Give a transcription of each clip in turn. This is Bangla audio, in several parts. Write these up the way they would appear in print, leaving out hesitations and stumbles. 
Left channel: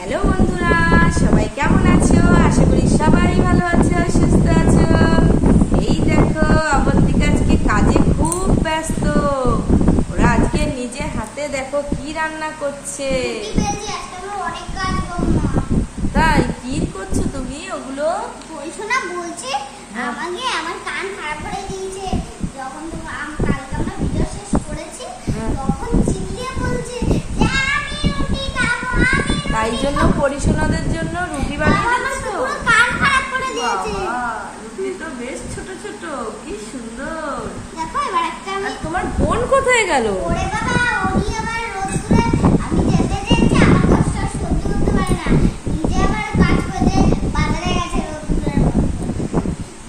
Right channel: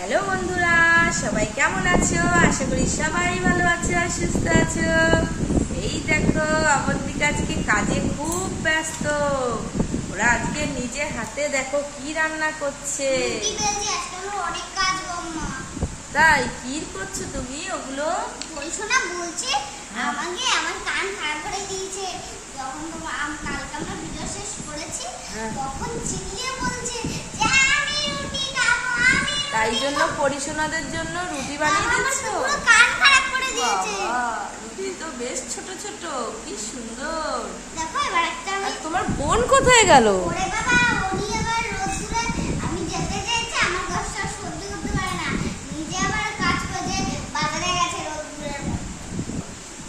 হ্যালো বন্ধুরা, সবাই কেমন আছো? আশা করি সবাই ভালো আছো আর সুস্থ আছো। এই দেখো, অবন্তিকা আজকে কাজে খুব ব্যস্ত। ওরা আজকে নিজে হাতে দেখো কি রান্না করছে। তাই কি করছো তুমি? ওগুলো বলছো না, বলছি আমাকে আমার কান খারাপ করে দিয়েছে। যখন তোমার কালকে আমরা ভিডিও শেষ করেছি তখন চিল্লিয়ে বলছে যে আমি রুটি খাবো, আমি তাই জন্য পরিশোনাদের জন্য রুটি বানিয়ে দিচ্ছো? কান খারাপ করে দিয়েছে। বাবা, রুটি তো বেশ ছোট ছোট, কি সুন্দর। দেখো এবার একটা আর তোমার বোন কোথায় গেল? ওরে বাবা, উনি আবার রোদ্দুরে আমি যেতে চাইছি, আমার কষ্ট সহ্য করতে পারে না। নিজে আবার কাজ করে বাজারে গেছে রোদ্দুরের মধ্যে।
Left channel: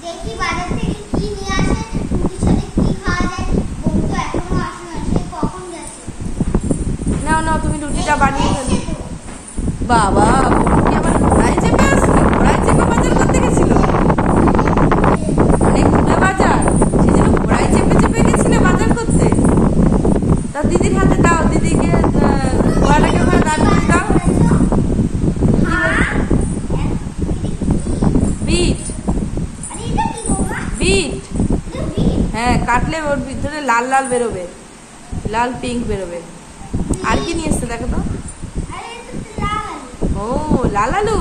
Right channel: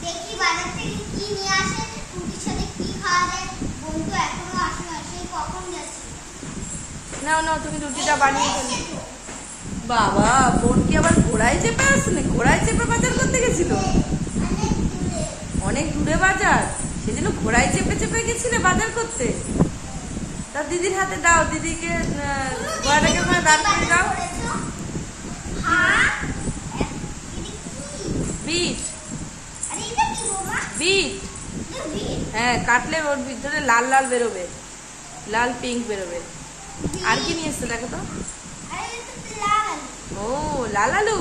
দেখি বাজার থেকে কি নিয়ে আসে, রুটির সাথে কি খাওয়া যায়। বোন তো এখনো আসে না, সেই কখন গেছে। নাও নাও, তুমি রুটিটা বানিয়ে ফেলো। বাবা, বোন কি আবার ঘোড়ায় চেপে আসলো? ঘোড়ায় চেপে বাজার করতে গেছিল? অনেক দূরে বাজার, সেই জন্য ঘোড়ায় চেপে চেপে গেছিলে বাজার করতে? তা দিদির হাতে দাও, দিদিকে ঘোড়াটাকে ওখানে দাঁড় করে দাও। বিট, বিট। হ্যাঁ, কাটলে ওর ভিতরে লাল লাল বেরোবে, লাল পিঙ্ক বেরোবে। আর কি নিয়ে এসছে দেখো তো? ও, লাল আলু।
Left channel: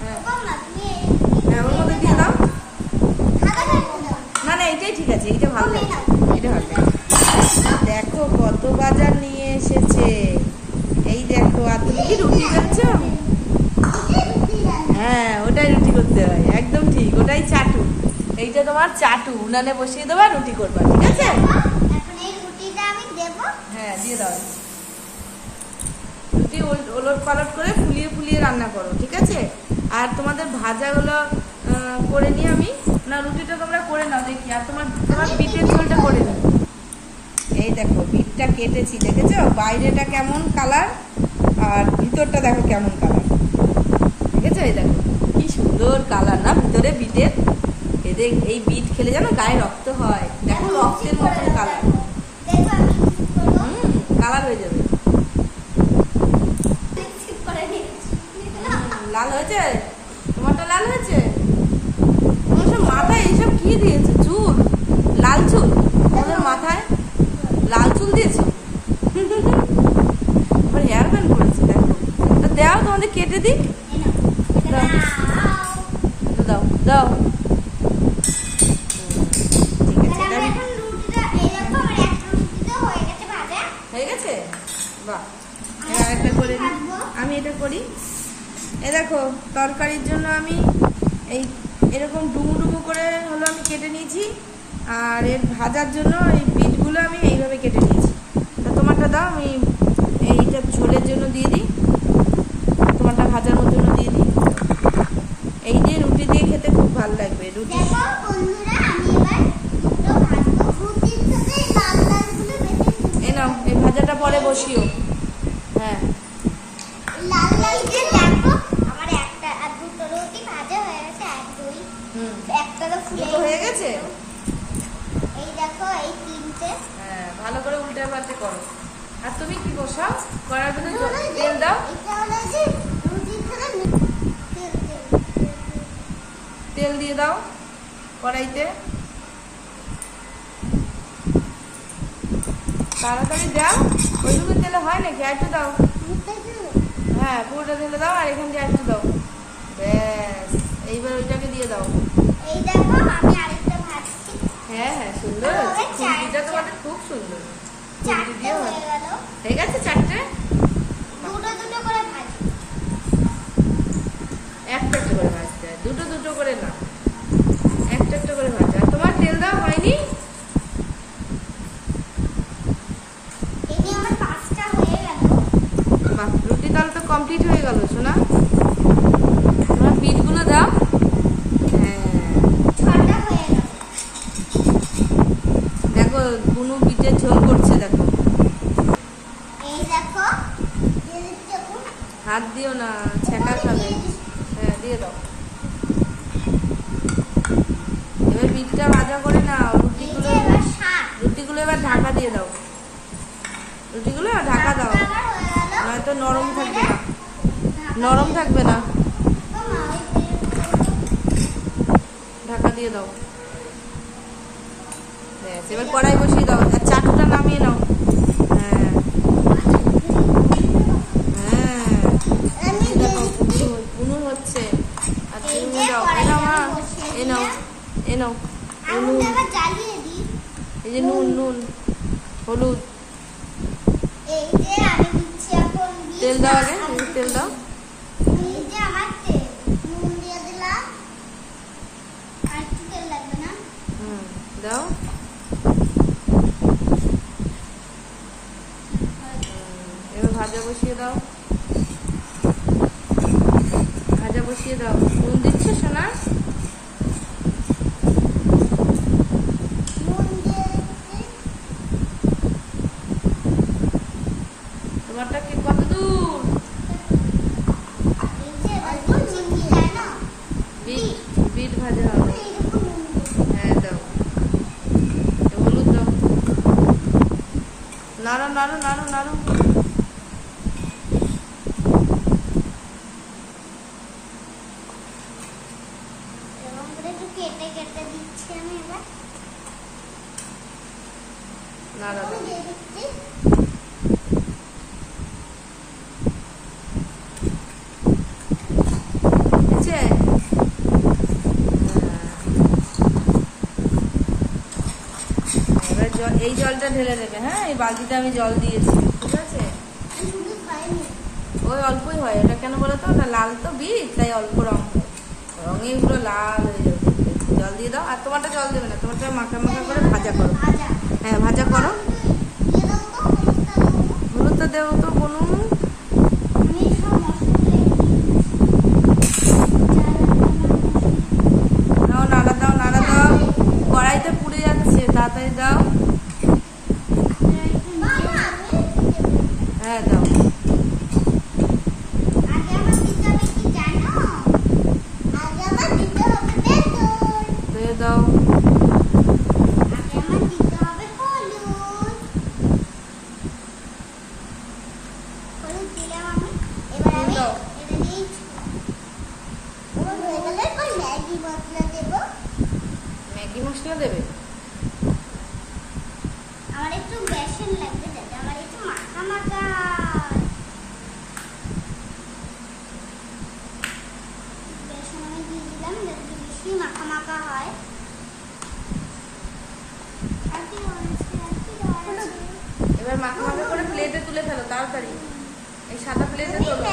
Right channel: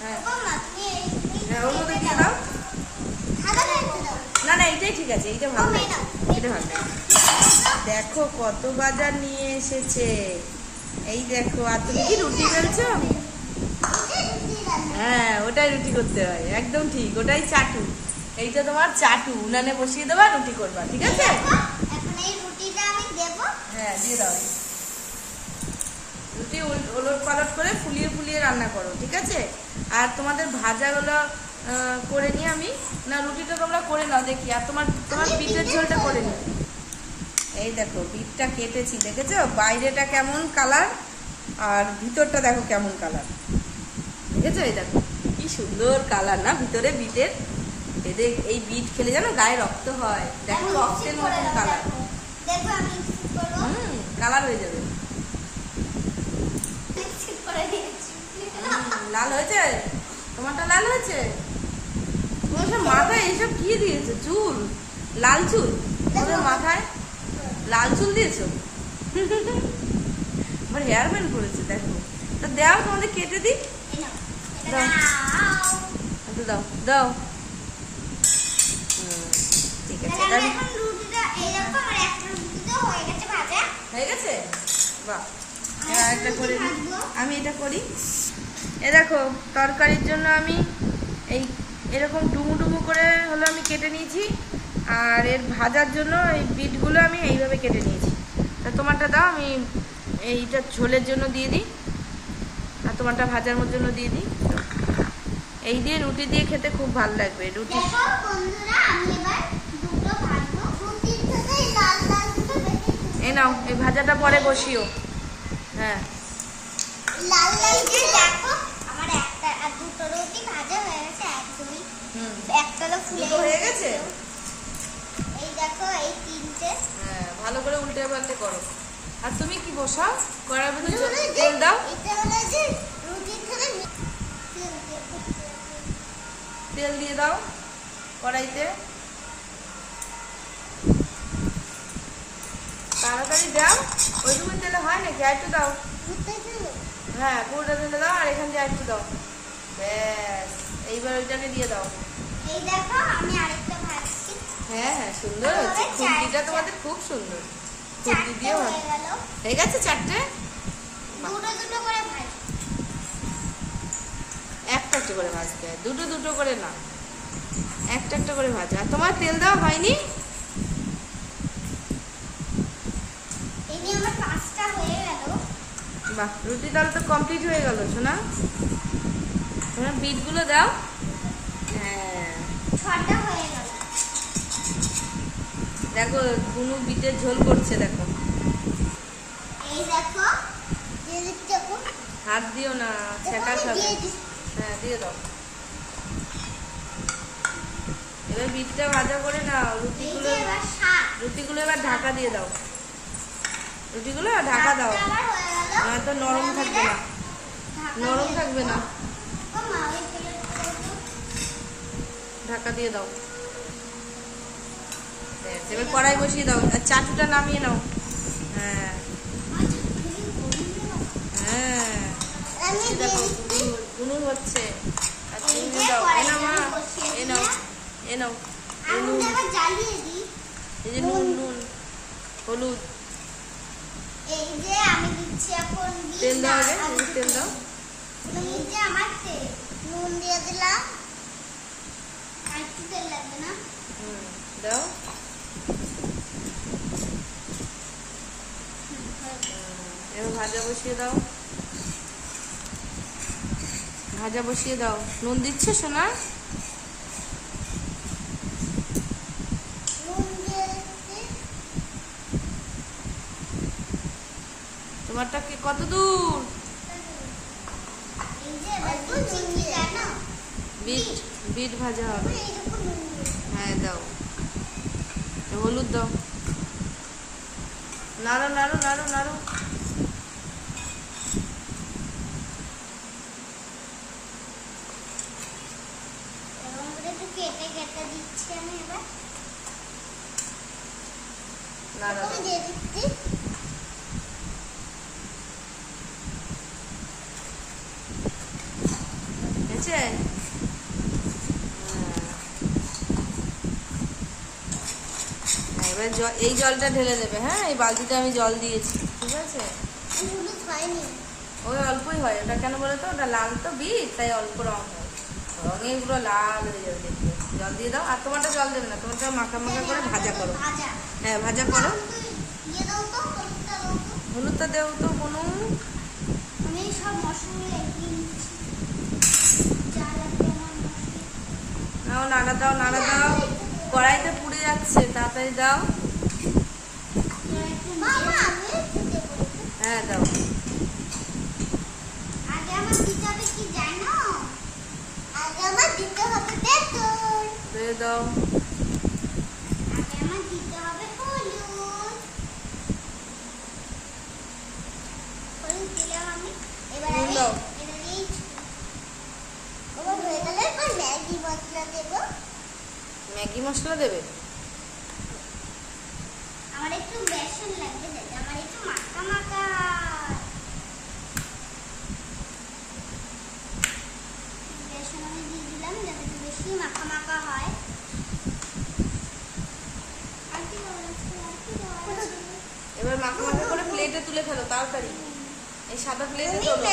হ্যাঁ, ওর মধ্যে দিয়ে দাও। না না, এইটাই ঠিক আছে, এইটা ভালো লাগছে, এটা ভালো লাগছে। দেখো কত বাজার নিয়ে এসেছে। এই দেখো, আর তুমি কি রুটি বেলছো? হ্যাঁ, ওটাই রুটি করতে হয়, একদম ঠিক, ওটাই চাটু। এইটা তোমার চাটু, উনানে বসিয়ে দেবা, রুটি করবা, ঠিক আছে? হ্যাঁ, দিয়ে দাও। রুটি ওলট পালট করে ফুলিয়ে ফুলিয়ে রান্না করো, ঠিক আছে? আর তোমাদের ভাজাগুলো করে নিয়ে আমি, না রুটিটা তোমরা করে নাও দেখি, আর তোমার বিটের ঝোলটা করে নিও। এই দেখো, বিটটা কেটেছি, দেখেছো বাইরেটা কেমন কালার আর ভিতরটা দেখো কেমন কালার, দেখেছো? এই দেখো কি সুন্দর কালার না ভিতরে বিটের। এদের এই বিট খেলে জানো গায়ে রক্ত হয়, দেখো রক্তের মতন কালার। কালার হয়ে যাবে। লাল হয়েছে? তোমারটা লাল হয়েছে? তোমার সব মাথায় এইসব কি দিয়েছে? চুল, লাল চুল তোমাদের মাথায়, লাল চুল দিয়েছো? আবার হেয়ার ব্যান্ড করেছে, দেখো। তা দাও, তোমাদের কেটে দিই। দাও দাও দাও। ঠিক আছে, হয়ে গেছে। বাহ, এবার একটা করে দিই। আমি এটা করি। এ দেখো, তরকারির জন্য আমি এরকম ডুমু ডুমু করে হলো আমি কেটে নিয়েছি, আর এর ভাজার জন্য এই বিটগুলো আমি এইভাবে কেটে নিয়েছি। তা তোমারটা দাও, আমি এইটা ঝোলের জন্য দিয়ে দিই, আর তোমারটা ভাজার জন্য দিয়ে দিই। এই দিয়ে রুটি দিয়ে খেতে খুব ভালো লাগবে। রুটি এই নাও, এই ভাজাটা পরে বসিও। হ্যাঁ, হয়ে গেছে। এই দেখো, এই তিনটে। হ্যাঁ, ভালো করে উল্টে পাল্টে করো। আর তুমি কি বসাও, কড়াইয়ের ভিতরে তেল দাও। তেল দিয়ে দাও কড়াইতে, তাড়াতাড়ি দাও। ওইটুকু তেলে হয় নাকি? আর একটু দাও। হ্যাঁ, পুরোটা ঢেলে দাও, আর এখান দিয়ে একটু দাও। ব্যাস, এইবার ওইটাকে দিয়ে দাও। এই দেখো, আমি আরেকটা ভাজছি। হ্যাঁ হ্যাঁ, সুন্দর হচ্ছে। খুন্তিটা তোমাদের খুব সুন্দর। খুন্তি দিয়ে হয়ে গেছে চারটে। দুটো দুটো করে ভাজি, একটা একটা করে ভাজতে হয়, দুটো দুটো করে না, একটা একটা করে ভাজা। আর তোমার তেল দেওয়া হয়নি? এই নিয়ে আমার 5টা হয়ে গেল। বাহ, রুটি তাহলে তো কমপ্লিট হয়ে গেল সোনা। তোমার বিটগুলো দাও। হ্যাঁ, 6টা হয়ে গেল। দেখো বুনু বিটের ঝোল করছে, দেখো। এই দেখো, দিয়ে দিচ্ছি। হাত দিও না, ছেঁকা খাবে। হ্যাঁ, দিয়ে দাও। এবার বিটটা ভাজা করে নাও। রুটিগুলো এবার ঢাকা দিয়ে দাও। রুটিগুলো ঢাকা দাও, তো নরম থাকবে না, নরম থাকবে না। ঢাকা দিয়ে দাও। ব্যাস, এবার কড়াই বসিয়ে দাও আর চাটটা নামিয়ে নাও। হ্যাঁ হ্যাঁ, দেখো উনুন হচ্ছে। আর তুমি দাও, এ নাও মা, এ নাও, এ নাও নুন, এই যে নুন, নুন, হলুদ, তেল দাও আগে, তেল দাও। দাও। এবার ভাজা বসিয়ে দাও, ভাজা বসিয়ে দাও। নুন দিচ্ছে সোনা? তোমারটা কি কত দূর? বিট, বিট ভাজা হবে। হ্যাঁ দাও, হলুদ দাও, নাড়ো নাড়ো নাড়ো নাড়ো। কেটে কেটে দিচ্ছি আমি এবার। নাড়া দাও। এই জলটা ঢেলে দেবে। হ্যাঁ, এই বালতিটা আমি জল দিয়েছি, ঠিক আছে? ওই অল্পই হয়। ওটা কেন বলো তো, ওটা লাল তো বিট, তাই অল্প রং হয়, রঙে পুরো লাল হয়ে যাবে। জল দিয়ে দাও। আর তোমারটা জল দেবে না, তোমারটা মাখা মাখা করে ভাজা করো। হ্যাঁ ভাজা করো। হলুদটা দেও তো বনু। দাও, নাড়া দাও, নাড়া দাও। কড়াইতে পুড়ে যাচ্ছে, তাড়াতাড়ি দাও। হ্যাঁ দাও। দাও। ম্যাগি মশলা দেবে? আমার একটু বেসন লাগবে, আমার একটু মাখা মাখা। বেসন আমি দিয়ে দিলাম যাতে একটু বেশি মাখা মাখা হয়। এবার মাখা মাখা করে প্লেটে তুলে ফেলো তাড়াতাড়ি। এই সাদা প্লেটে তোলো,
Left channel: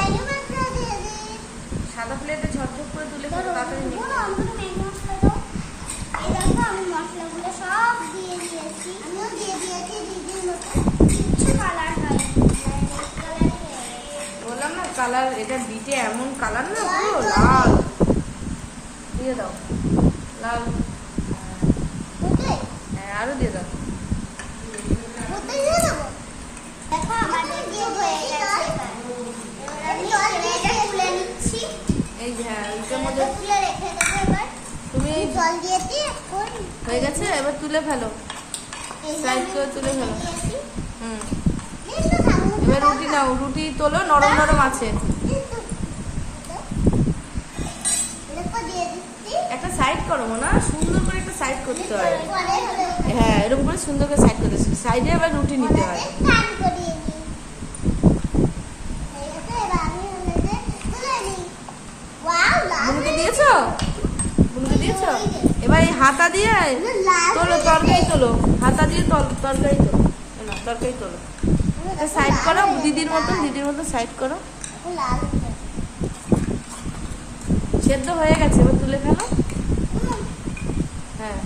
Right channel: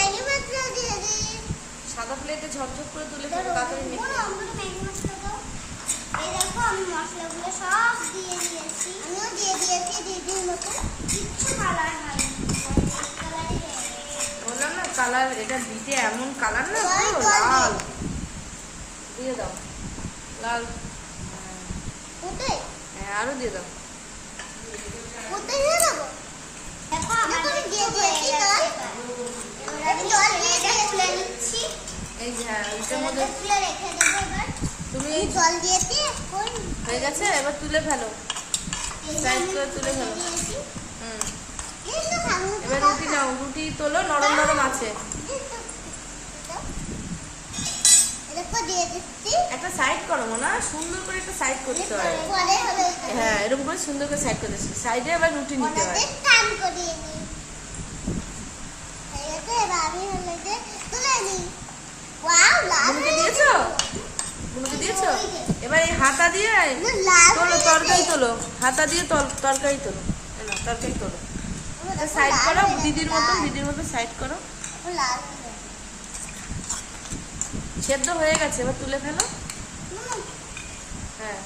সাদা প্লেটে ঝরঝর করে তুলে ফেলো তাড়াতাড়ি। এই দেখো আমি মশলাগুলো সব দিয়ে দিয়েছি, দিদির মতো কিছু কালার হয়নি। বললাম না কালার, এটা বিটে এমন কালার না, পুরো লাল। দিয়ে দাও লাল। হ্যাঁ আরো দিয়ে দাও। দেখো আমাদের দিয়ে হয়ে গেছে। এবার আমি এটা তুলে নিচ্ছি। এই যে হ্যাঁ, এটার মধ্যে তুলে রেখে দেবো। এবার তুমি জল দিয়েছি, এখন হয়ে গেছে। এবার তুলে ফেলো, সাইড করে তুলে ফেলো। এবার রুটি নাও, রুটি তোলো, নরম নরম আছে। একটা সাইড করো মনে, সুন্দর করে একটা সাইড করতে হয়। হ্যাঁ এরকম করে সুন্দর করে সাইড করতে, সাইডে আবার রুটি নিতে হয়। বুনুকে দিয়েছো? বুনুকে দিয়েছো? এবার এই হাতা দিয়ে তোলো, তরকারি তোলো, হাতা দিয়ে তরকারি তোলো। না তরকারি তোলো, সাইড করো দিদির মতন, দিদির মতন সাইড করো। সেদ্ধ হয়ে গেছে, এবার তুলে ফেলো। হ্যাঁ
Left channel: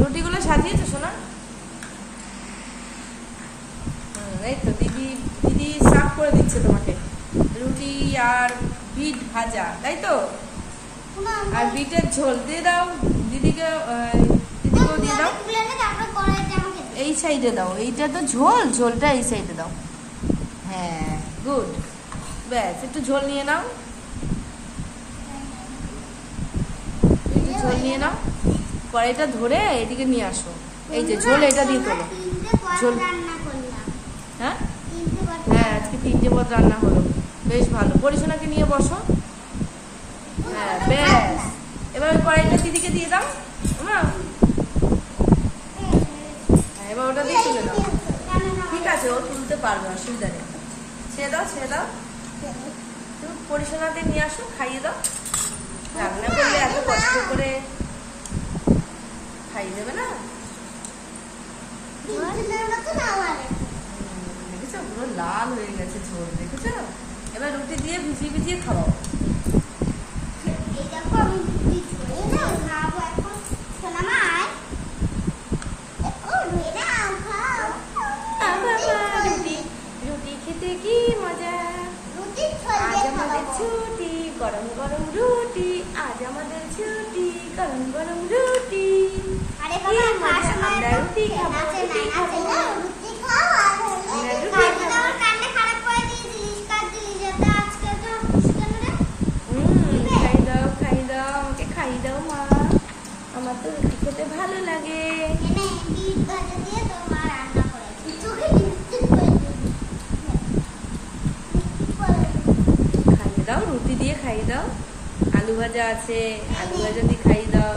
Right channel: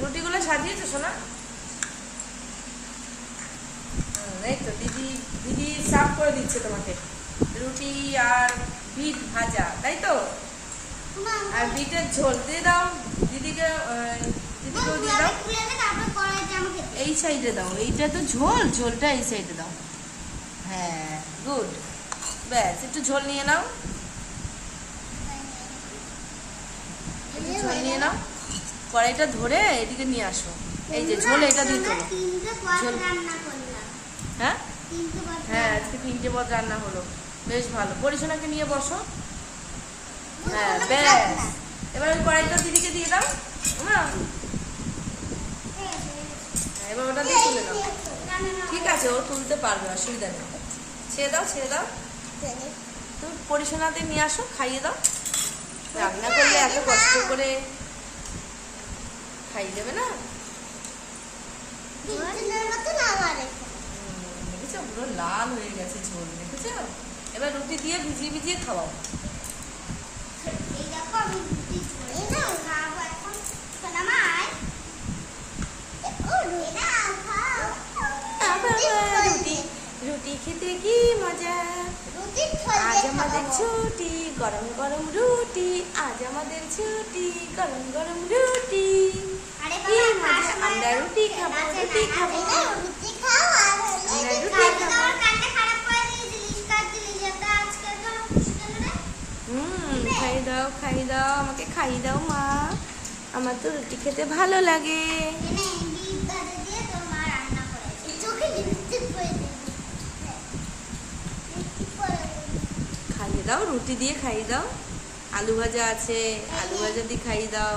রুটিগুলো সাজিয়েছো সোনা? এই তো দিদি, দিদি সার্ভ করে দিচ্ছে তোমাকে রুটি আর বিট ভাজা, তাই তো? আর বিটের ঝোল দিয়ে দাও দিদিকে, দিদিকেও দিয়ে দাও। এই সাইডে দাও, এইটা তো ঝোল, ঝোলটা এই সাইডে দাও। হ্যাঁ গুড, ব্যাস একটু ঝোল নিয়ে নাও, একটু ঝোল নিয়ে নাও। কড়াইটা ধরে এদিকে নিয়ে আসো। এই যে ঝোল, এটা দিয়ে তোলো ঝোল। হ্যাঁ হ্যাঁ আজকে 3টে পদ রান্না হলো, বেশ ভালো। পরিশোনাকে নিয়ে বসো। হ্যাঁ ব্যাস, এবার ওই কড়াইটা দিদিকে দিয়ে দাও। হ্যাঁ এবার ওটা দিয়ে তুলে নাও। ঠিক আছে, ও তুলতে পারবে, অসুবিধা নেই। ছেড়ে দাও, ছেড়ে দাও। তুমি পরিশোনাকে নিয়ে আসো, খাইয়ে দাও। রান্না করলে এত কষ্ট করে খাইয়ে দেবে না? দেখেছো পুরো লাল হয়ে গেছে ঝোল, দেখেছো? এবার রুটি দিয়ে ভিজিয়ে ভিজিয়ে খাওয়াও। রুটি খেতে কি মজা, আজ আমাদের ছুটি, গরম গরম রুটি, আজ আমাদের ছুটি, গরম গরম রুটি। আমরা রুটি খাবো, রুটি খাবো। খাই দাও, খাই দাও, আমাকে খাই দাও মা, আমার তো রুটি খেতে ভালো লাগে। খাইয়ে দাও, রুটি দিয়ে খাই দাও। আলু ভাজা আছে, আলু ভাজা দিয়ে খাই দাও।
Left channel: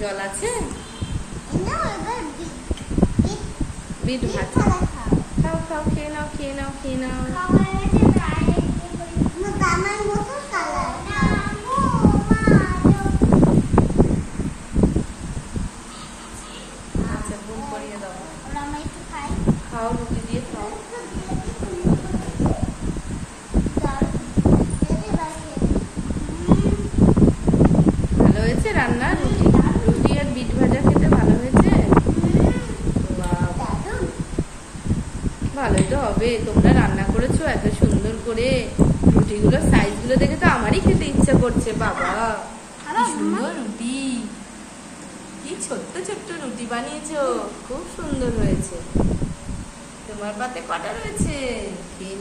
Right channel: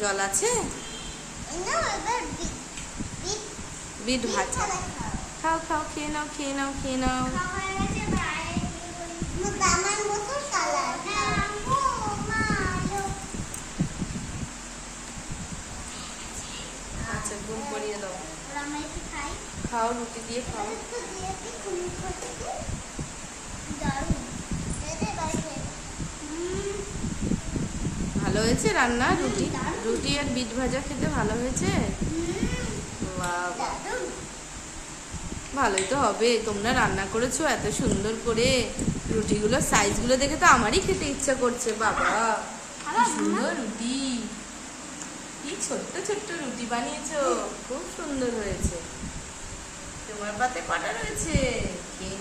জল আছে, বিট ভাজা খাও, খাও, খেয়ে নাও, খেয়ে নাও, খেয়ে নাও। আচ্ছা ঘুম পড়িয়ে দাও, খাও, রুটি দিয়ে খাও। ভালো হয়েছে রান্না? রুটি রুটি আর বিট ভাজা খেতে ভালো হয়েছে? ভালোই তো হবে, তোমরা রান্না করেছো এত সুন্দর করে। রুটিগুলো সাইজগুলো দেখে তো আমারই খেতে ইচ্ছা করছে। বাবা কি সুন্দর রুটি, কি ছোট্ট ছোট্ট রুটি বানিয়েছো, খুব সুন্দর হয়েছে। তোমার পাতে কটা রয়েছে? খেয়ে